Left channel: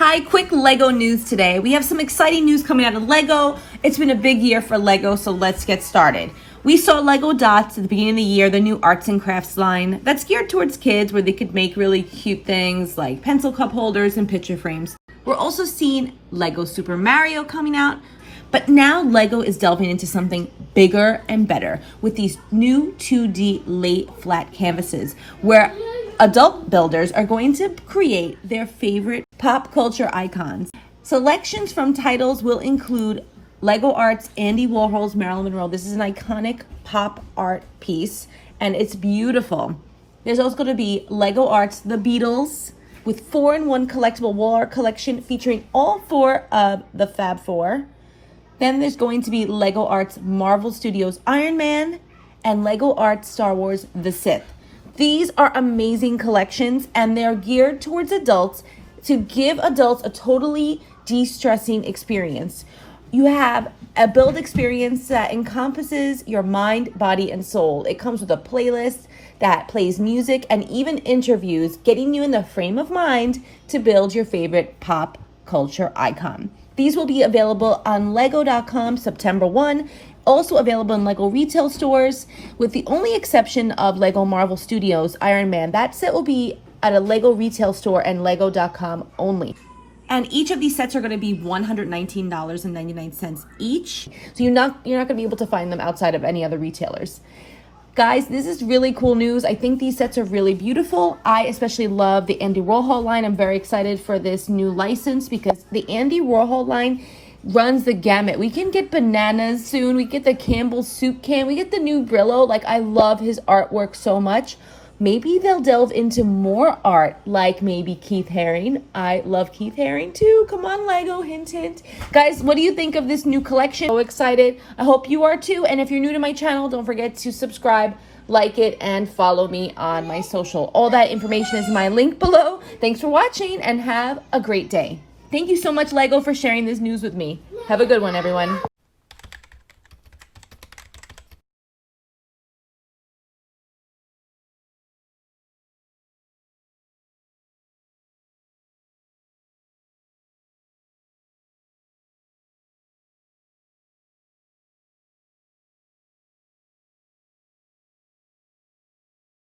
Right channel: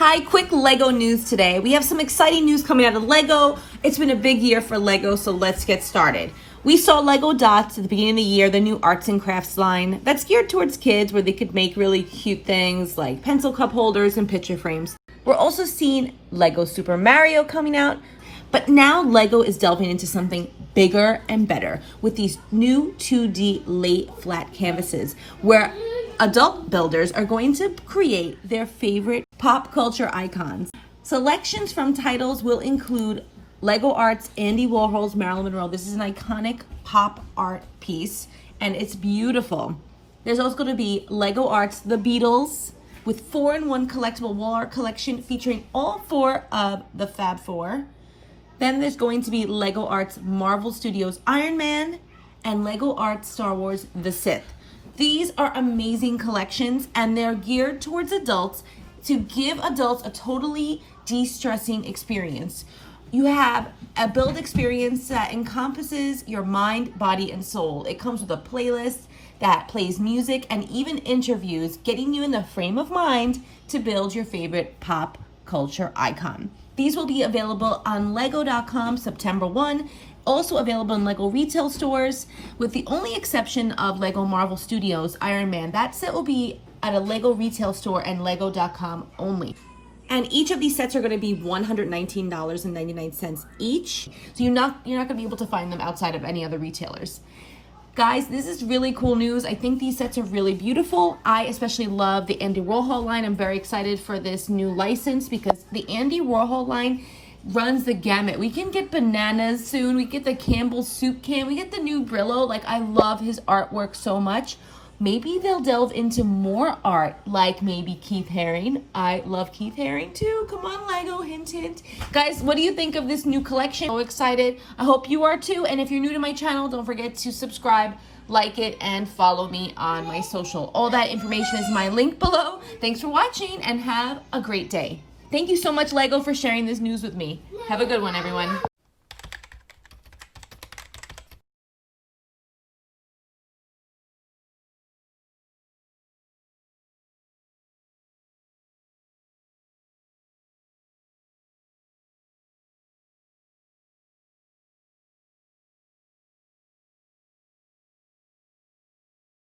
Hi, quick Lego news today. We have some exciting news coming out of Lego. It's been a big year for Lego, so let's get started. We saw Lego Dots at the beginning of the year, the new arts and crafts line that's geared towards kids where they could make really cute things like pencil cup holders and picture frames. We're also seeing Lego Super Mario coming out, but now Lego is delving into something bigger and better with these new 2D lay flat canvases where adult builders are going to create their favorite pop culture icons. Selections from titles will include Lego Art's Andy Warhol's Marilyn Monroe. This is an iconic pop art piece and it's beautiful. There's also going to be Lego Art's The Beatles with 4-in-1 collectible wall art collection featuring all 4 of the Fab Four. Then there's going to be Lego Art's Marvel Studios Iron Man and Lego Art's Star Wars The Sith. These are amazing collections and they're geared towards adults to give adults a totally de-stressing experience. You have a build experience that encompasses your mind, body, and soul. It comes with a playlist that plays music and even interviews, getting you in the frame of mind to build your favorite pop culture icon. These will be available on lego.com September 1, also available in Lego retail stores, with the only exception of Lego Marvel Studios Iron Man. That set will be at a Lego retail store and lego.com only. And each of these sets are going to be $119.99 each. So you're not going to be able to find them outside of any other retailers. Guys, this is really cool news. I think these sets are really beautiful. I especially love the Andy Warhol line. I'm very excited for this new license because the Andy Warhol line runs the gamut. We can get bananas soon. We get the Campbell's soup can. We get the new Brillo. Like, I love his artwork so much. Maybe they'll delve into more art, like maybe Keith Haring. I love Keith Haring too. Come on, Lego, hint, hint. Guys, what do you think of this new collection? So excited. I hope you are too. And if you're new to my channel, don't forget to subscribe, like it, and follow me on my social. All that information is in my link below. Thanks for watching and have a great day. Thank you so much, Lego, for sharing this news with me. Have a good one, everyone.